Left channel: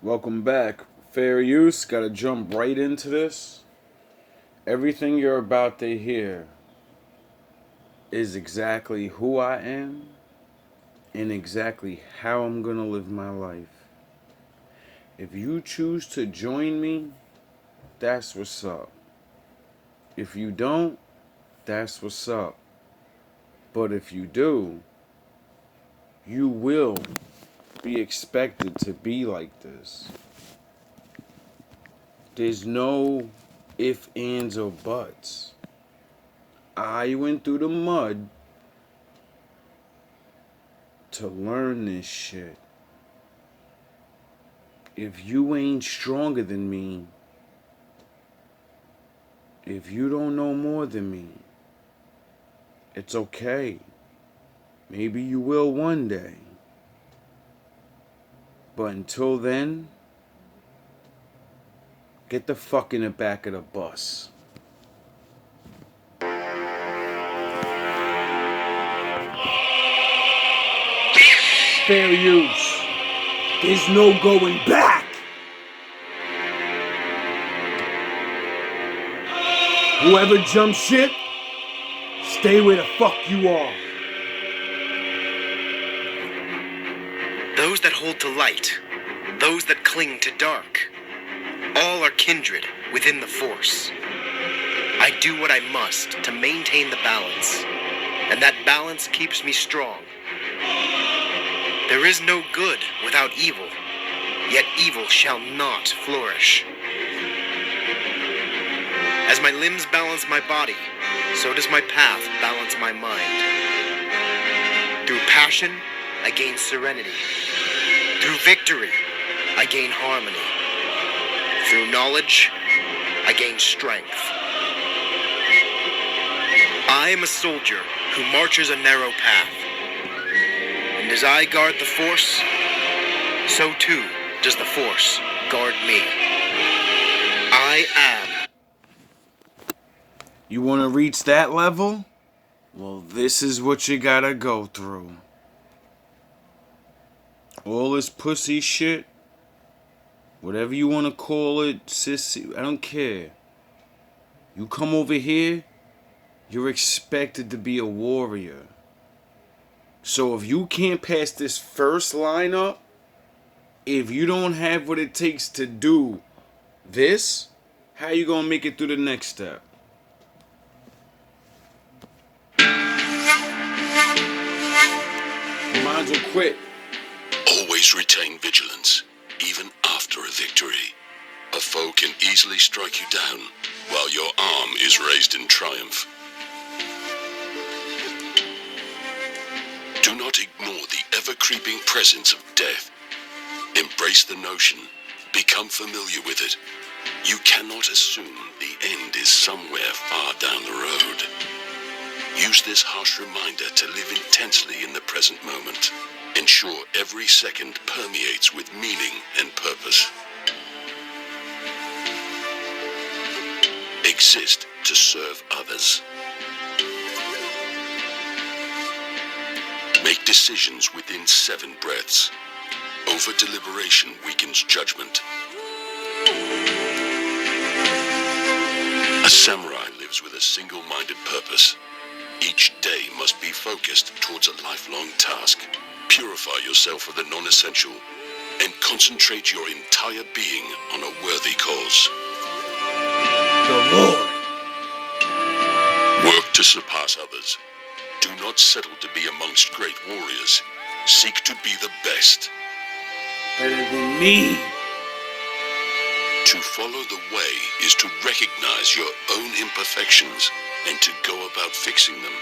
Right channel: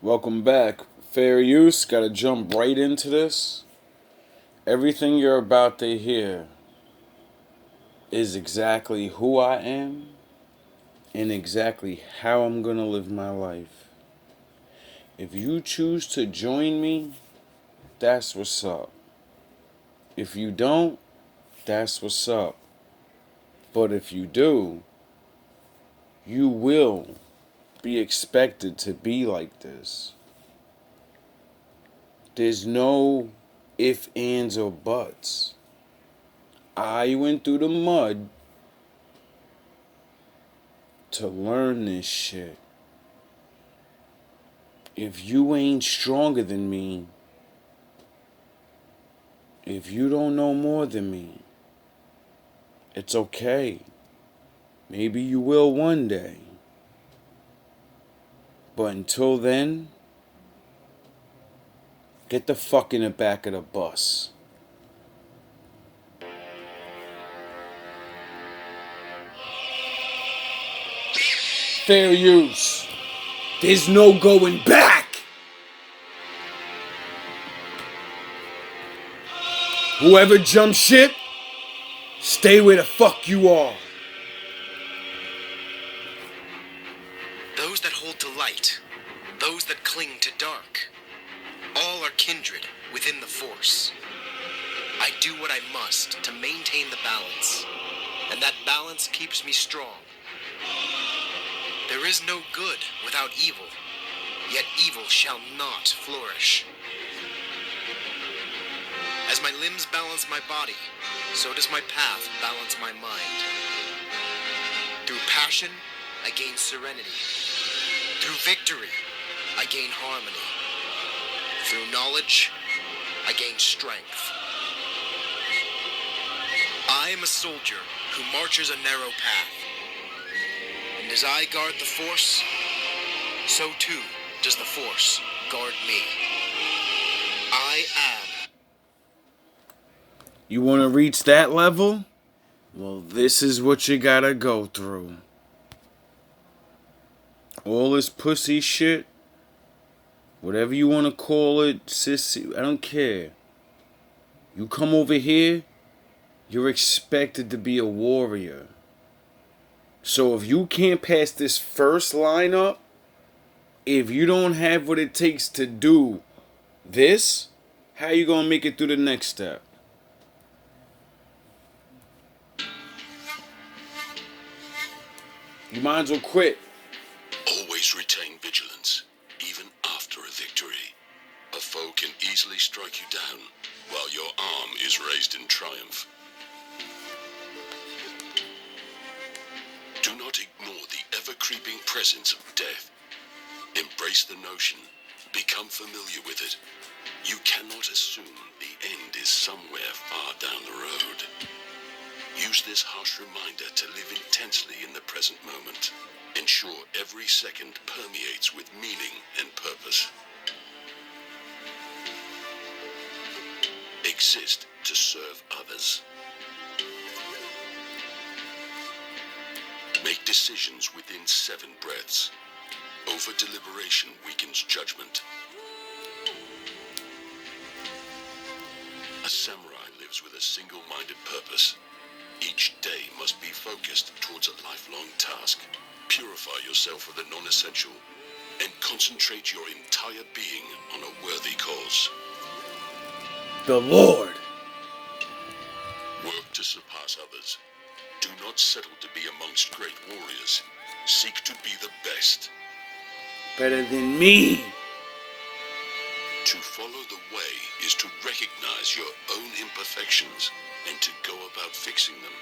Welcome back. Fair use, gotta jump right into this. Everything you're about to hear is exactly who I am and exactly how I'm gonna live my life. If you choose to join me, that's what's up. If you don't, that's what's up. But if you do, you will be expected to be like this. There's no if, ands, or buts. I went through the mud to learn this shit. If you ain't stronger than me, if you don't know more than me, it's okay. Maybe you will one day. But until then, get the fuck in the back of the bus. Fair use. There's no going back. Whoever jumps ship, stay where the fuck you are. Those that hold to light, those that cling to dark, all are kindred within the Force. I do what I must to maintain the balance, and that balance keeps me strong. There is no good without evil, yet evil shall not flourish. As my limbs balance my body, so does my path balance my mind. Through passion, I gain serenity. Through victory, I gain harmony. Through knowledge, I gain strength. I am a soldier who marches a narrow path. And as I guard the Force, so too does the Force guard me. I am. You want to reach that level? Well, this is what you gotta go through. All this pussy shit, whatever you want to call it, sissy, I don't care. You come over here, you're expected to be a warrior. So if you can't pass this first line up, if you don't have what it takes to do this, how you gonna make it through the next step? You might as well quit. Always retain vigilance, even after a victory. A foe can easily strike you down while your arm is raised in triumph. Do not ignore the ever-creeping presence of death. Embrace the notion. Become familiar with it. You cannot assume the end is somewhere far down the road. Use this harsh reminder to live intensely in the present moment. Ensure every second permeates with meaning and purpose. Exist to serve others. Make decisions within 7 breaths. Over-deliberation weakens judgment. A samurai lives with a single-minded purpose. Each day must be focused towards a lifelong task. Purify yourself of the non-essential and concentrate your entire being on a worthy cause. The Lord. Work to surpass others. Do not settle to be amongst great warriors. Seek to be the best. Better than me. To follow the way is to recognize your own imperfections and to go about fixing them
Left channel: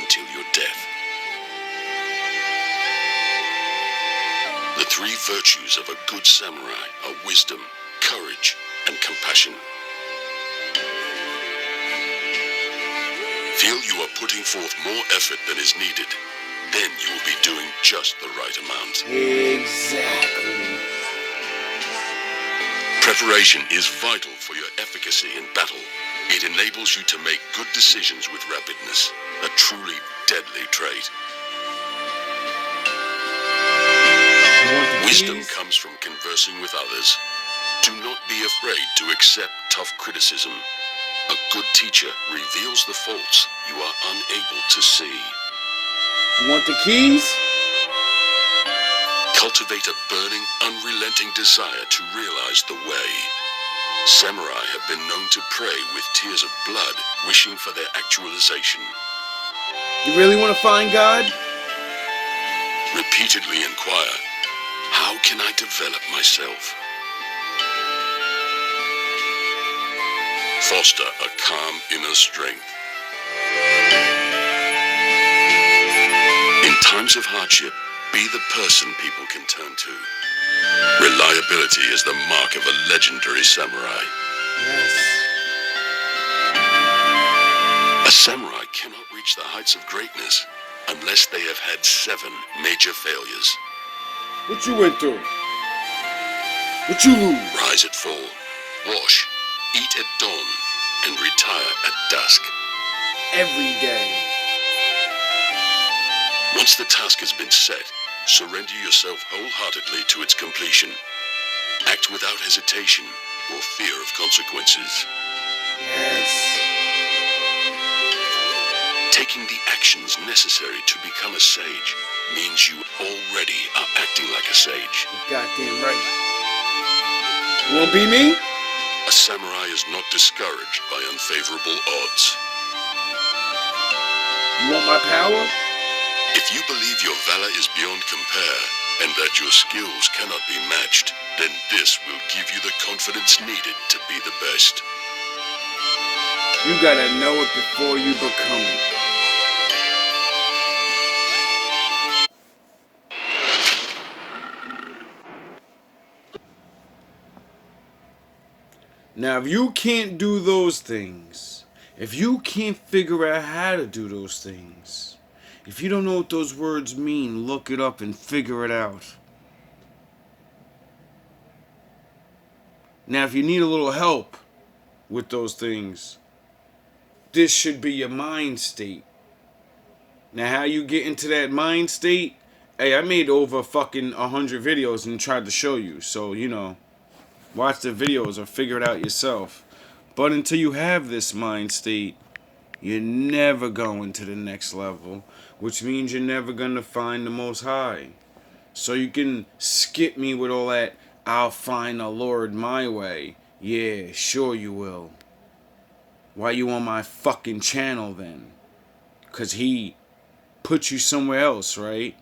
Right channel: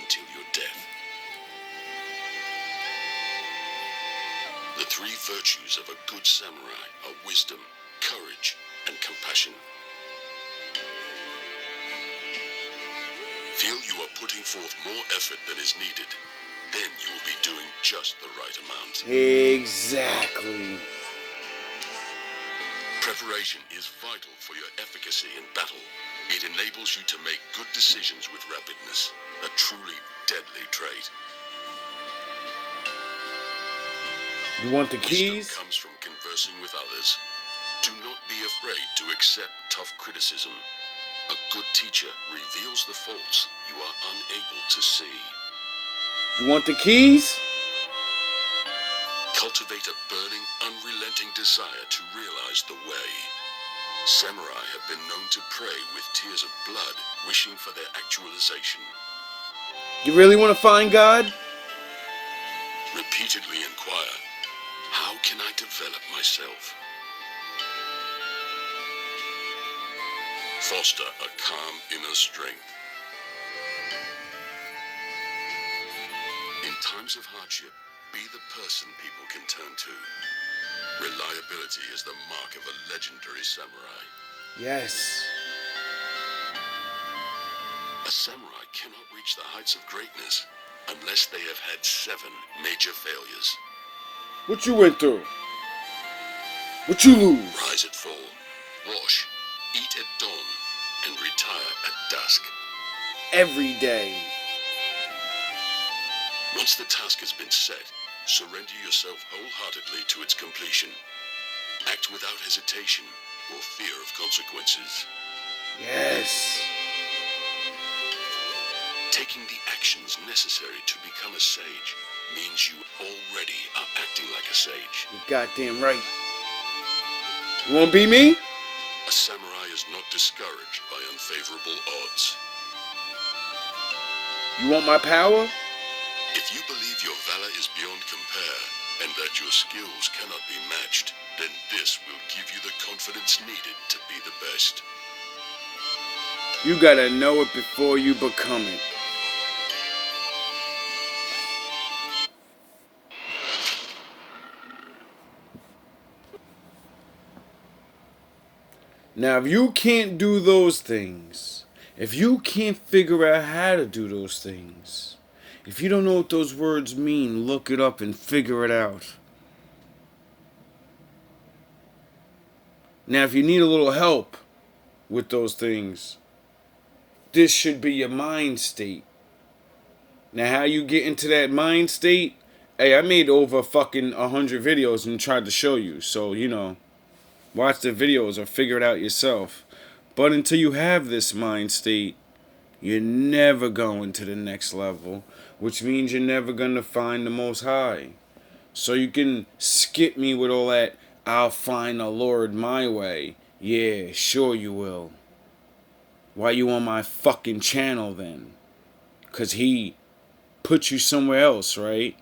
until your death. The 3 virtues of a good samurai are wisdom, courage, and compassion. Feel you are putting forth more effort than is needed, then you will be doing just the right amount. Exactly. Preparation is vital for your efficacy in battle. It enables you to make good decisions with rapidness, a truly deadly trait. You want the Wisdom keys? comes from conversing with others. Do not be afraid to accept tough criticism. A good teacher reveals the faults you are unable to see. You want the keys? Cultivate a burning, unrelenting desire to realize the way. Samurai have been known to pray with tears of blood, wishing for their actualization. You really want to find God? Repeatedly inquire, how can I develop myself? Foster a calm inner strength. In times of hardship, be the person people can turn to. Reliability is the mark of a legendary samurai. Yes. A samurai cannot reach the heights of greatness unless they have had 7 major failures. What you went through? What you lose? Rise at fall, wash, eat at dawn, and retire at dusk. Every day. Once the task has been set, surrender yourself wholeheartedly to its completion. Act without hesitation or fear of consequences. Yes. Taking the actions necessary to become a sage means you already are acting like a sage. You goddamn right. You wanna be me? A samurai is not discouraged by unfavorable odds. You want my power? If you believe your valor is beyond compare and that your skills cannot be matched, then this will give you the confidence needed to be the best. You gotta know it before you become it. Now, if you can't do those things, if you can't figure out how to do those things, if you don't know what those words mean, look it up and figure it out. Now, if you need a little help with those things, this should be your mind state. Now, how you get into that mind state? Hey, I made over fucking 100 videos and tried to show you. So, watch the videos or figure it out yourself. But until you have this mind state, you're never going to the next level, which means you're never going to find the Most High. So you can skip me with all that, I'll find the Lord my way. Yeah, sure you will. Why you on my fucking channel then? 'Cause he put you somewhere else, right?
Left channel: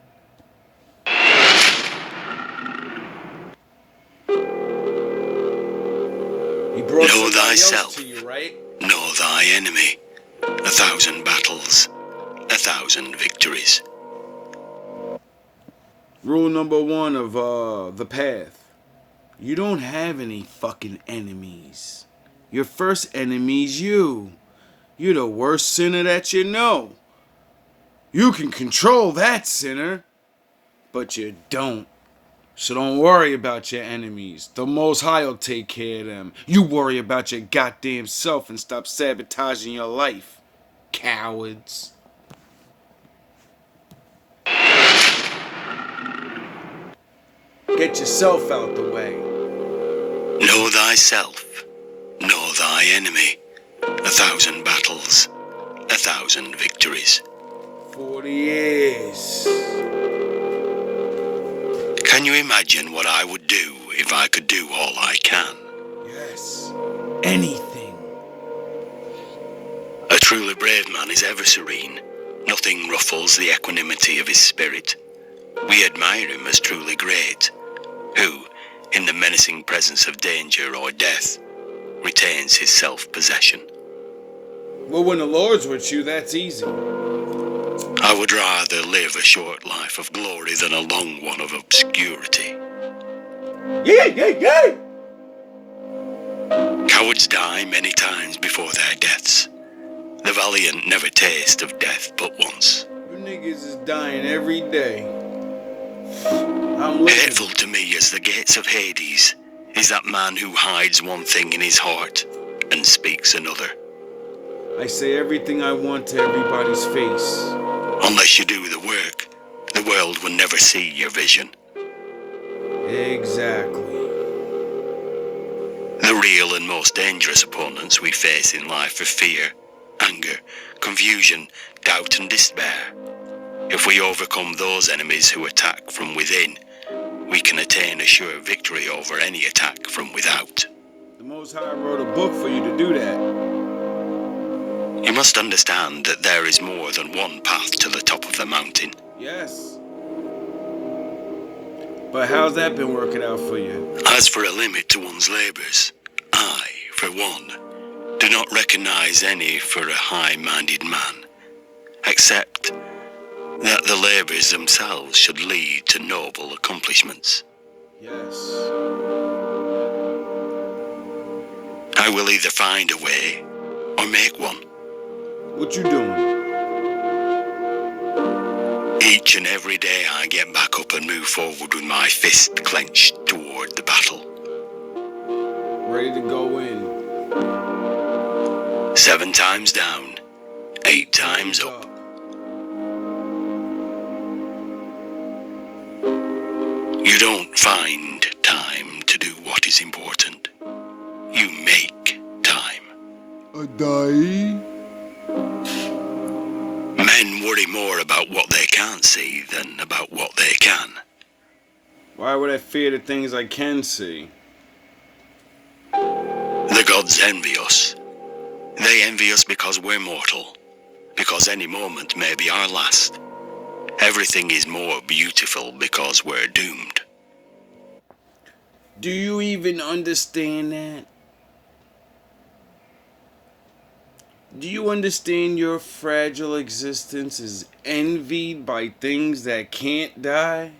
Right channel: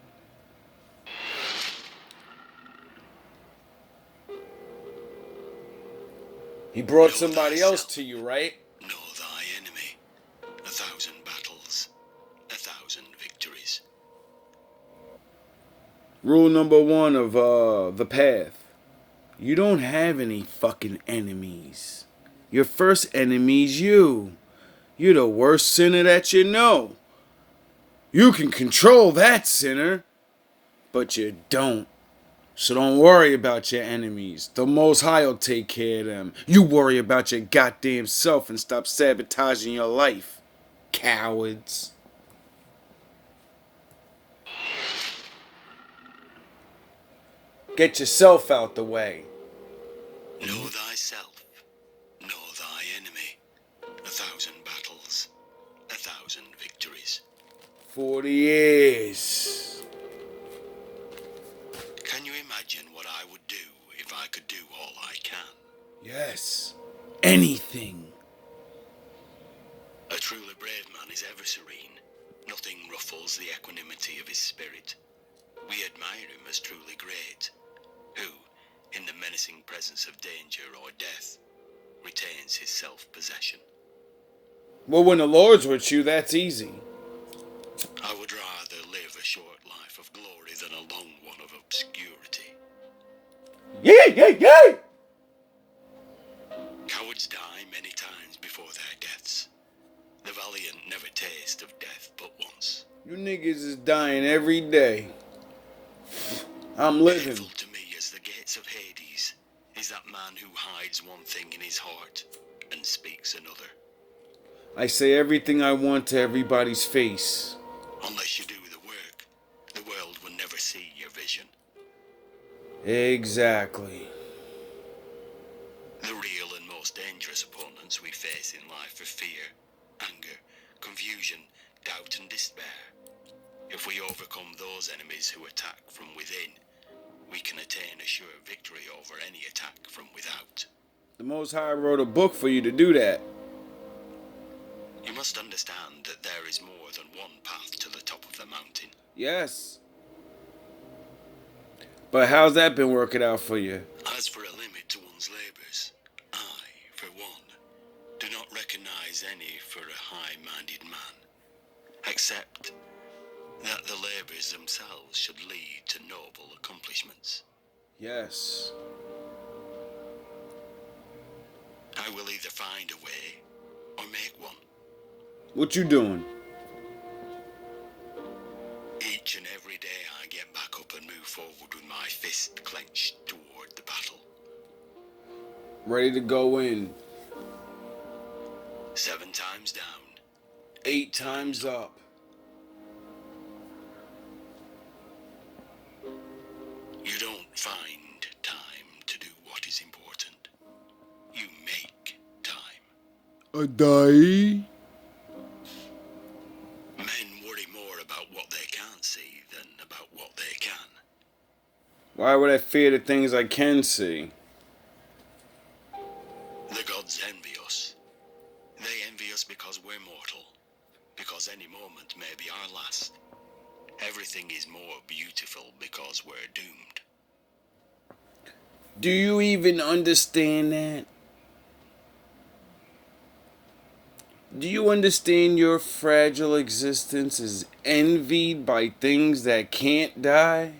He brought Know somebody else thyself. to you, right? Know thy enemy. 1,000 battles, 1,000 victories. Rule number 1 of the path. You don't have any fucking enemies. Your first enemy's you. You're the worst sinner that you know. You can control that sinner, but you don't. So don't worry about your enemies. The Most High will take care of them. You worry about your goddamn self and stop sabotaging your life. Cowards. Get yourself out the way. Know thyself. Know thy enemy. 1,000 battles, 1,000 victories. 40 years. Can you imagine what I would do if I could do all I can? Yes. Anything. A truly brave man is ever serene. Nothing ruffles the equanimity of his spirit. We admire him as truly great, who, in the menacing presence of danger or death, retains his self-possession. Well, when the Lord's with you, that's easy. I would rather live a short life of glory than a long one of obscurity. Yay! Cowards die many times before their deaths. The valiant never taste of death but once. You niggas is dying every day. I'm living. Hateful to me as the gates of Hades is that man who hides one thing in his heart and speaks another. I say everything I want to everybody's face. Unless you do the work, the world will never see your vision. Exactly. The real and most dangerous opponents we face in life are fear, anger, confusion, doubt and despair. If we overcome those enemies who attack from within, we can attain a sure victory over any attack from without. The Most High wrote a book for you to do that. You must understand that there is more than one path to the top of the mountain. Yes. But how's that been working out for you? As for a limit to one's labours, I, for one, do not recognise any for a high-minded man, except that the labours themselves should lead to noble accomplishments. Yes. I will either find a way or make one. What you doing? Each and every day I get back up and move forward with my fist clenched toward the battle. Ready to go in. 7 times down, 8 times up. You don't find time to do what is important. You make time. A die? Men worry more about what they can't see than about what they can. Why would I fear the things I can see? The gods envy us. They envy us because we're mortal, because any moment may be our last. Everything is more beautiful because we're doomed. Do you even understand that? Do you understand your fragile existence is envied by things that can't die?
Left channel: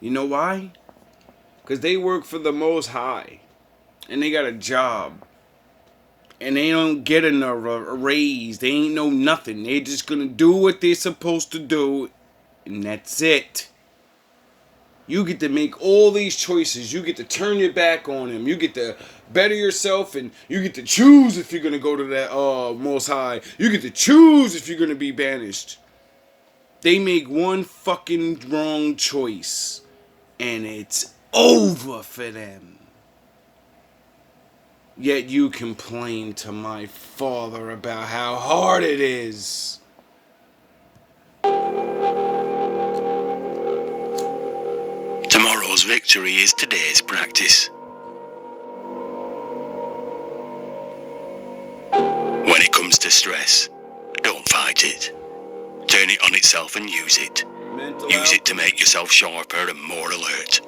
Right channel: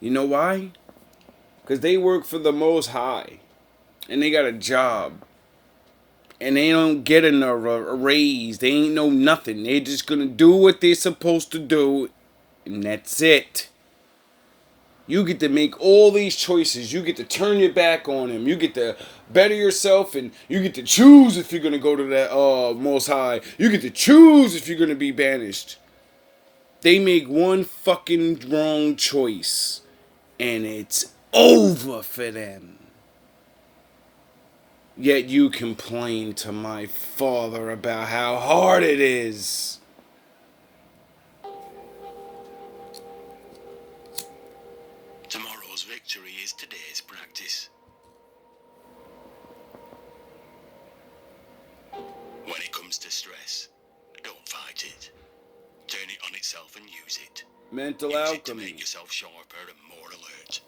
You know why? Because they work for the Most High. And they got a job. And they don't get a raise. They ain't know nothing. They just gonna do what they're supposed to do. And that's it. You get to make all these choices. You get to turn your back on him. You get to better yourself, and you get to choose if you're gonna go to that Most High. You get to choose if you're gonna be banished. They make one fucking wrong choice, and it's over for them. Yet you complain to my father about how hard it is. Tomorrow's victory is today's practice. When it comes to stress, don't fight it. Turn it on itself and use it. Use it to make yourself sharper and more alert.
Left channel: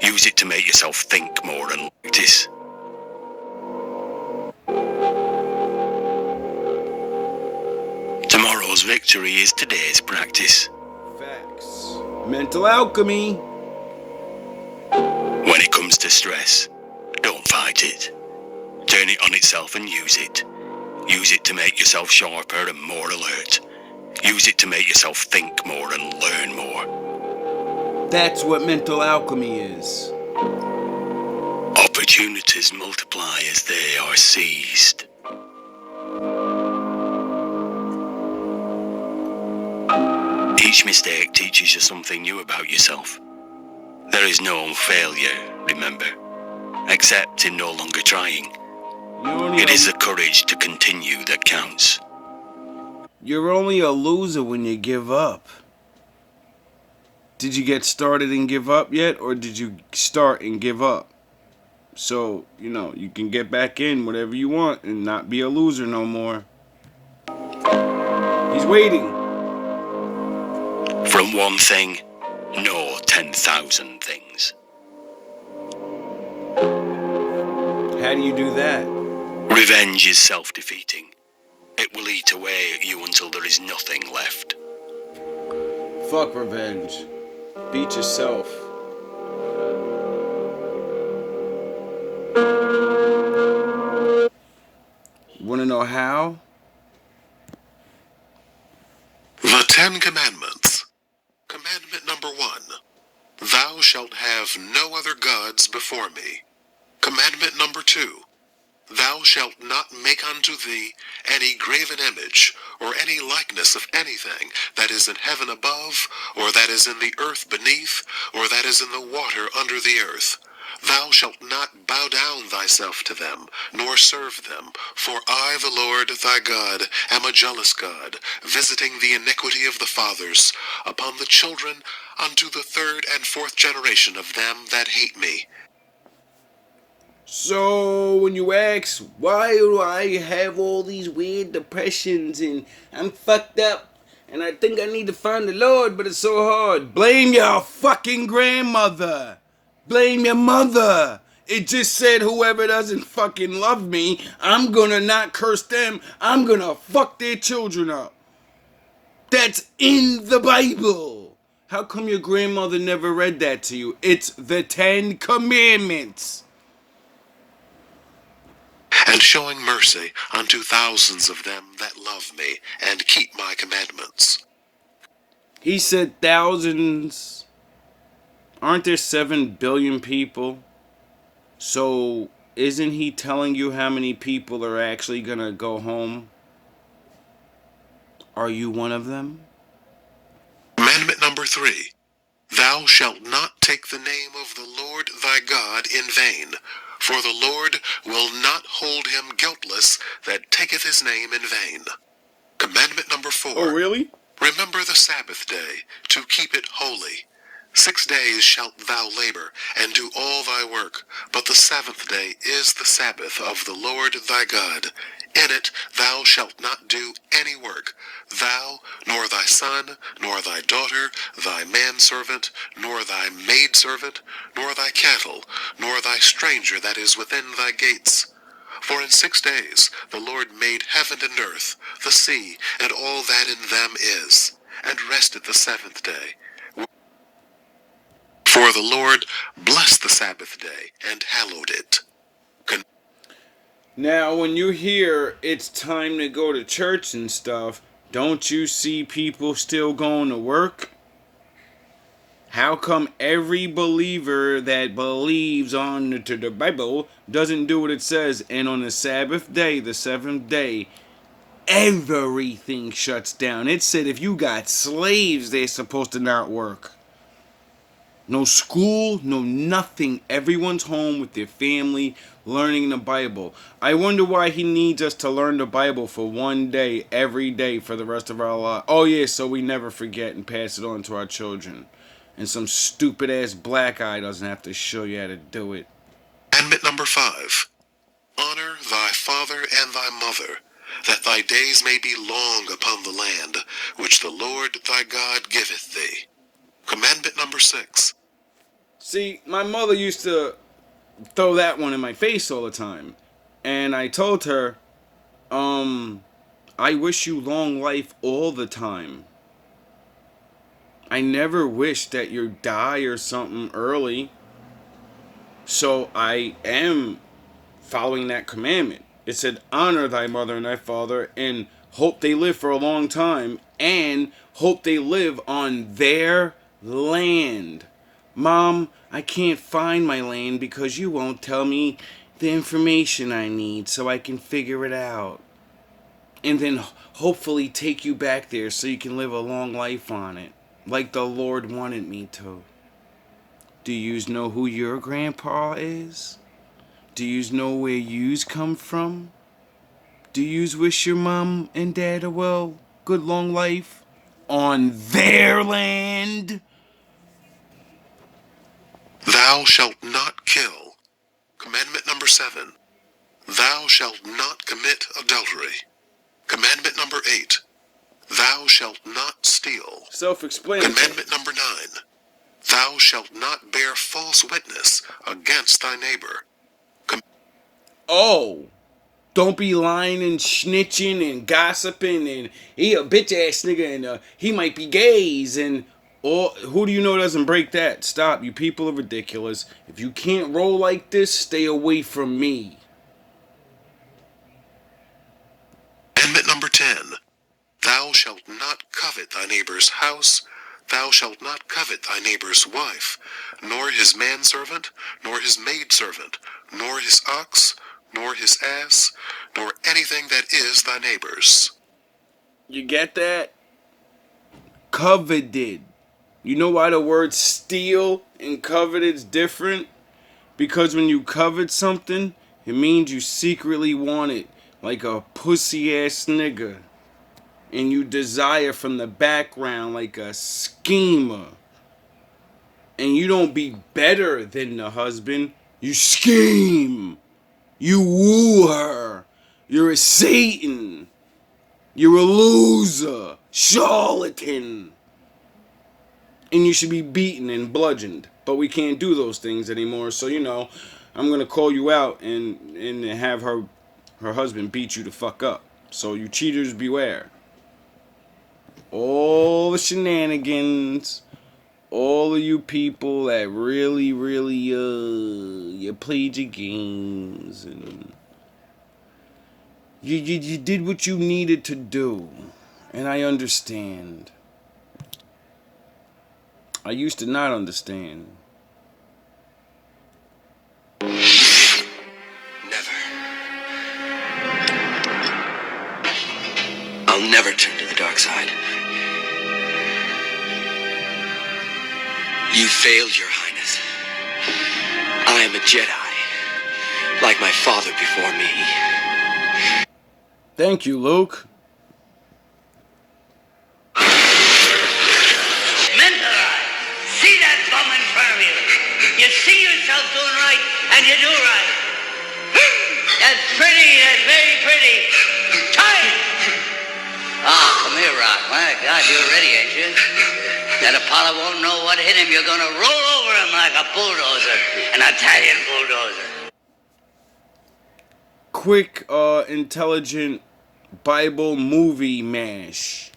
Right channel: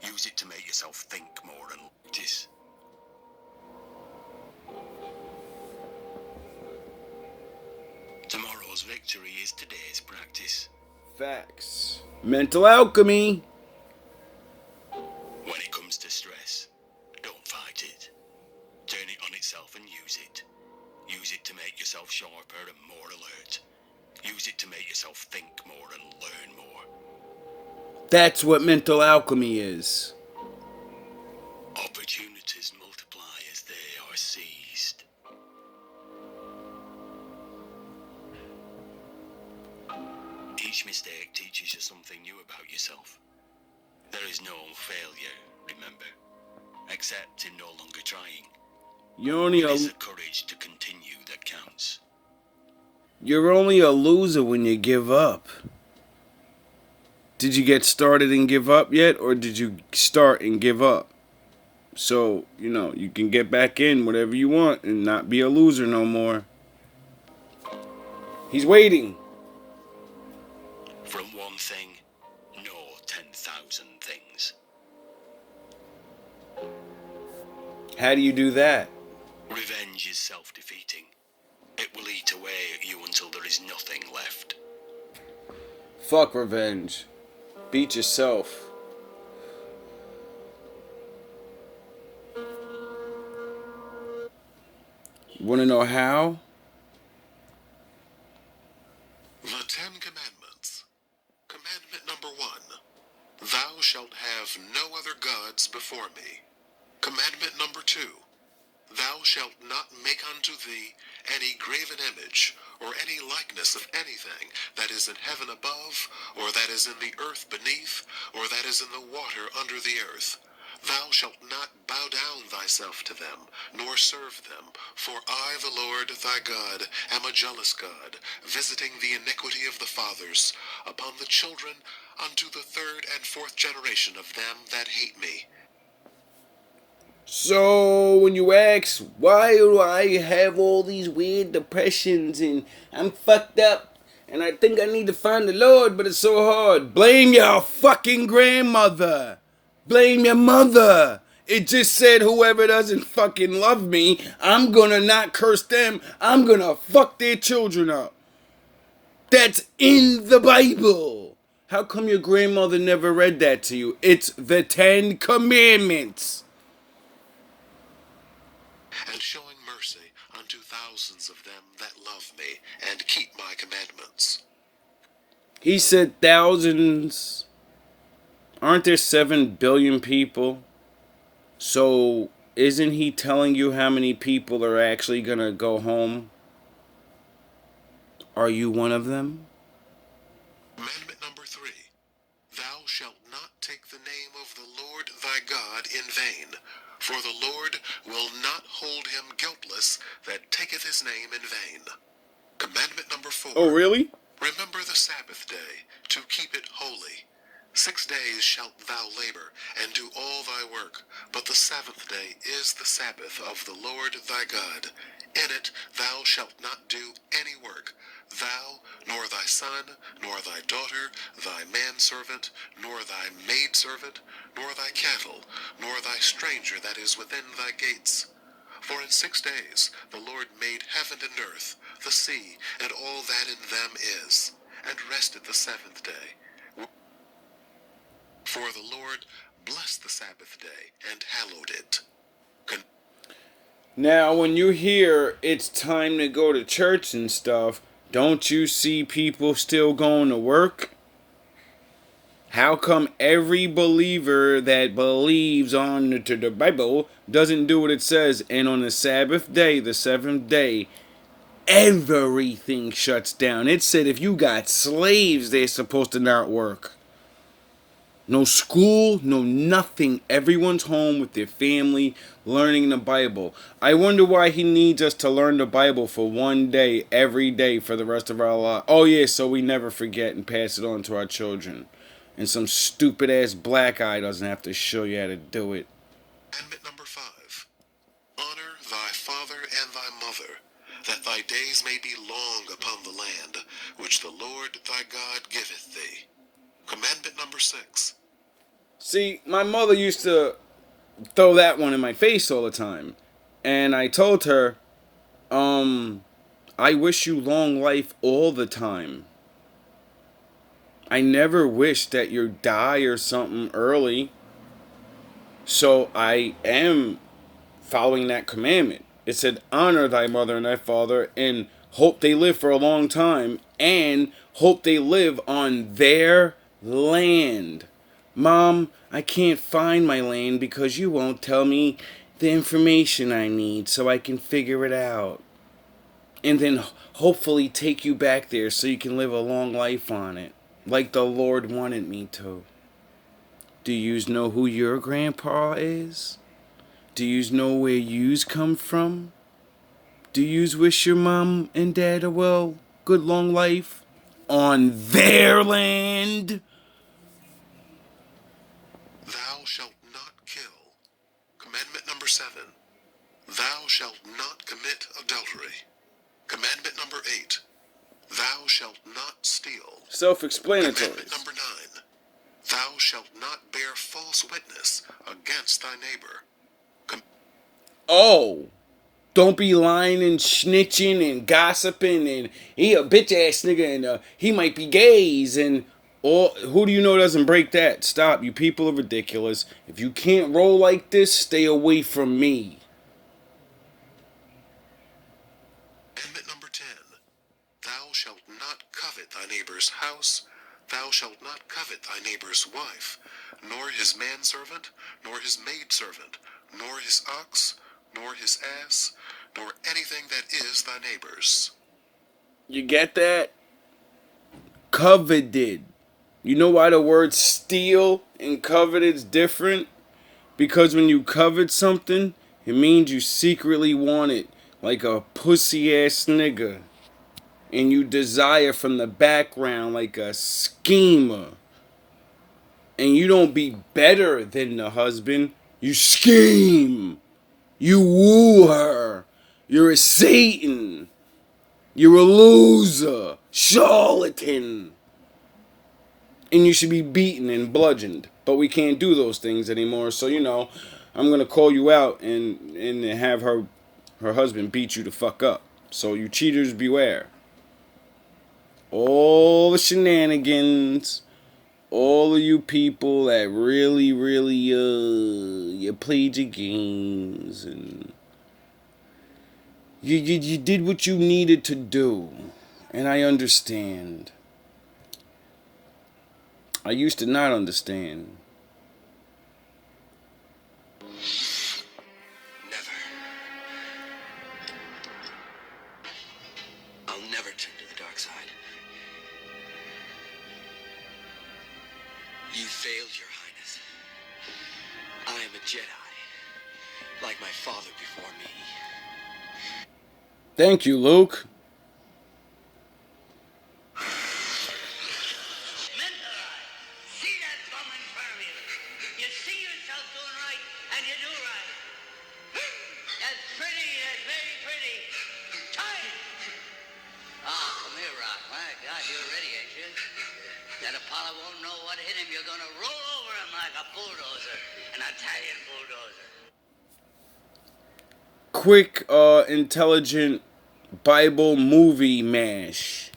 Use it to make yourself think more and practice. Tomorrow's victory is today's practice. Facts. Mental alchemy. When it comes to stress, don't fight it. Turn it on itself and use it. Use it to make yourself sharper and more alert. Use it to make yourself think more and learn more. That's what mental alchemy is. Opportunities multiply as they are seized. Each mistake teaches you something new about yourself. There is no failure, remember, except in no longer trying. It is the courage to continue that counts. You're only a loser when you give up. Did you get started and give up yet, or did you start and give up? So, you can get back in whatever you want and not be a loser no more. He's waiting. From one thing, no 10,000 things. How do you do that? Revenge is self-defeating. It will eat away at you until there is nothing left. Fuck revenge. Beat yourself. Wanna know how? The 10 Commandments. Commandment number 1. Thou shalt have no other gods before me. Commandment number 2. Thou shalt not make unto thee any graven image, or any likeness of anything that is in heaven above, or that is in the earth beneath, or that is in the water under the earth. Thou shalt not bow down thyself to them, nor serve them. For I, the Lord thy God, am a jealous God, visiting the iniquity of the fathers upon the children unto the third and fourth generation of them that hate me. So when you ask, why do I have all these weird depressions and I'm fucked up and I think I need to find the Lord, but it's so hard, blame your fucking grandmother. Blame your mother. It just said whoever doesn't fucking love me, I'm gonna not curse them. I'm gonna fuck their children up. That's in the Bible. How come your grandmother never read that to you? It's the 10 Commandments. And showing mercy unto thousands of them that love me, and keep my commandments. He said thousands. Aren't there 7 billion people? So isn't he telling you how many people are actually gonna go home? Are you one of them? Commandment number 3. Thou shalt not take the name of the Lord thy God in vain, for the Lord will not hold him guiltless that taketh his name in vain. Commandment number 4. Oh, really? Remember the Sabbath day, to keep it holy. 6 days shalt thou labor, and do all thy work, but the seventh day is the Sabbath of the Lord thy God. In it thou shalt not do any work, thou, nor thy son, nor thy daughter, thy manservant, nor thy maidservant, nor thy cattle, nor thy stranger that is within thy gates. For in 6 days the Lord made heaven and earth, the sea, and all that in them is, and rested the seventh day. For the Lord blessed the Sabbath day, and hallowed it. Now, when you hear it's time to go to church and stuff, don't you see people still going to work? How come every believer that believes on the Bible doesn't do what it says? And on the Sabbath day, the seventh day, everything shuts down. It said if you got slaves, they're supposed to not work. No school, no nothing. Everyone's home with their family, learning the Bible. I wonder why he needs us to learn the Bible for one day, every day, for the rest of our life. Oh yeah, so we never forget and pass it on to our children. And some stupid ass black eye doesn't have to show you how to do it. Commandment number 5. Honor thy father and thy mother, that thy days may be long upon the land, which the Lord thy God giveth thee. Commandment number 6. See, my mother used to throw that one in my face all the time. And I told her, I wish you long life all the time. I never wish that you die or something early. So I am following that commandment. It said, honor thy mother and thy father, and hope they live for a long time, and hope they live on their land. Mom, I can't find my land because you won't tell me the information I need so I can figure it out. And then hopefully take you back there so you can live a long life on it, like the Lord wanted me to. Do yous know who your grandpa is? Do yous know where yous come from? Do yous wish your mom and dad a good long life on their land? Thou shalt not kill. Commandment number 7. Thou shalt not commit adultery. Commandment number 8. Thou shalt not steal. Self-explanatory. Commandment number 9. Thou shalt not bear false witness against thy neighbor. Oh, don't be lying and snitching and gossiping and he a bitch ass nigga and he might be gays and or who do you know doesn't break that? Stop, you people are ridiculous. If you can't roll like this, stay away from me. Commandment number 10. Thou shalt not covet thy neighbor's house. Thou shalt not covet thy neighbor's wife, nor his manservant, nor his maidservant, nor his ox, nor his ass, nor anything that is thy neighbor's. You get that? Coveted. You know why the word steal and coveted is different? Because when you covet something, it means you secretly want it, like a pussy ass nigga. And you desire from the background like a schemer. And you don't be better than the husband. You scheme. You woo her. You're a Satan. You're a loser. Charlatan. And you should be beaten and bludgeoned. But we can't do those things anymore. So, I'm going to call you out and have her husband beat you the fuck up. So you cheaters beware. All the shenanigans, all of you people that really, you played your games and you did what you needed to do, and I understand. I used to not understand. Never. I'll never turn to the dark side. You failed, Your Highness. I am a Jedi, like my father before me. Thank you, Luke. Mentor, see that bum in front of you. You see yourself doing right, and you do right. That's pretty, that's very pretty. Time! Come here, Rock. My God, you're ready, ain't you? That Apollo won't know what hit him. You're gonna roll over him like a bulldozer, an Italian bulldozer. Quick, intelligent Bible movie mash.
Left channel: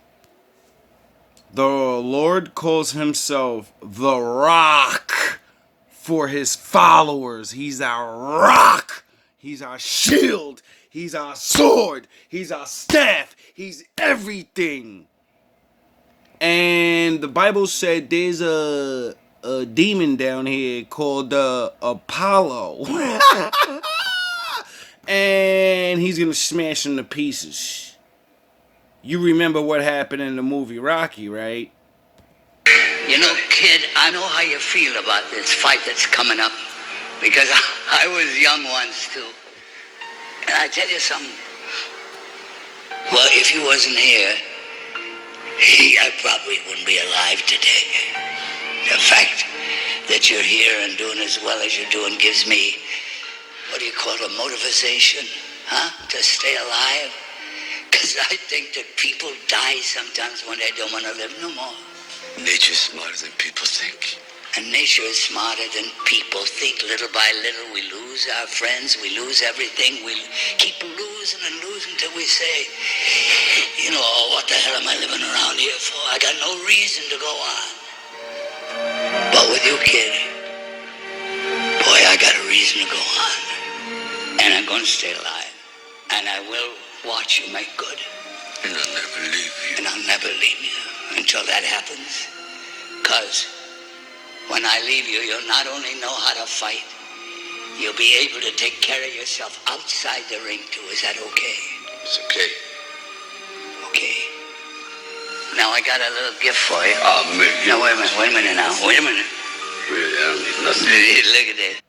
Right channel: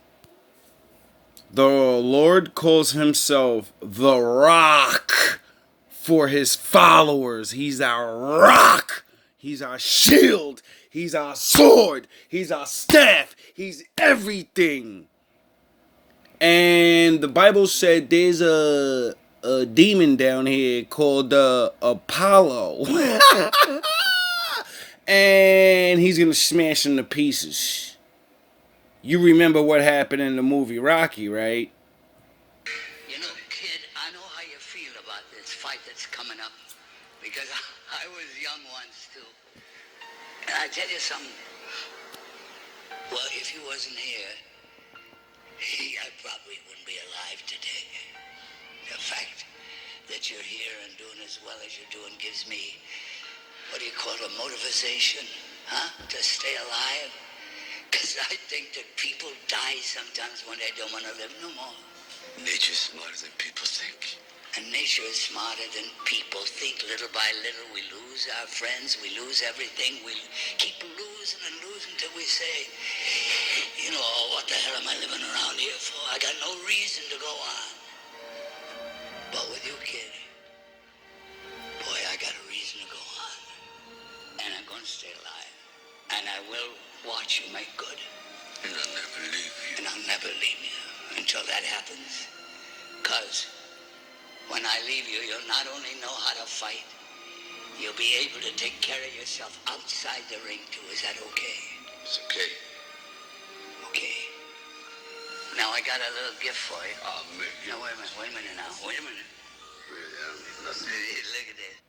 The Lord calls himself the Rock for his followers. He's our rock. He's our shield. He's our sword. He's our staff. He's everything. And the Bible said there's a demon down here called Apollo. And he's going to smash him to pieces. You remember what happened in the movie Rocky, right? You know, kid, I know how you feel about this fight that's coming up. Because I was young once, too. And I tell you something. Well, if you wasn't here, I probably wouldn't be alive today. The fact that you're here and doing as well as you're doing gives me, what do you call it, a motivation, huh? To stay alive. Because I think that people die sometimes when they don't want to live no more. Nature's smarter than people think. And nature is smarter than people think. Little by little, we lose our friends, we lose everything. We keep losing and losing till we say, oh, what the hell am I living around here for? I got no reason to go on. But with you, kid, boy, I got a reason to go on. And I'm going to stay alive. And I will watch you make good. And I'll never leave you. And I'll never leave you until that happens. Because when I leave you, you'll not only know how to fight, you'll be able to take care of yourself outside the ring, too. Is that okay? It's okay. Okay. Now, I got a little gift for you. Oh, man. Now, wait a minute now. Wait a minute. Really, I don't need nothing. Look at this.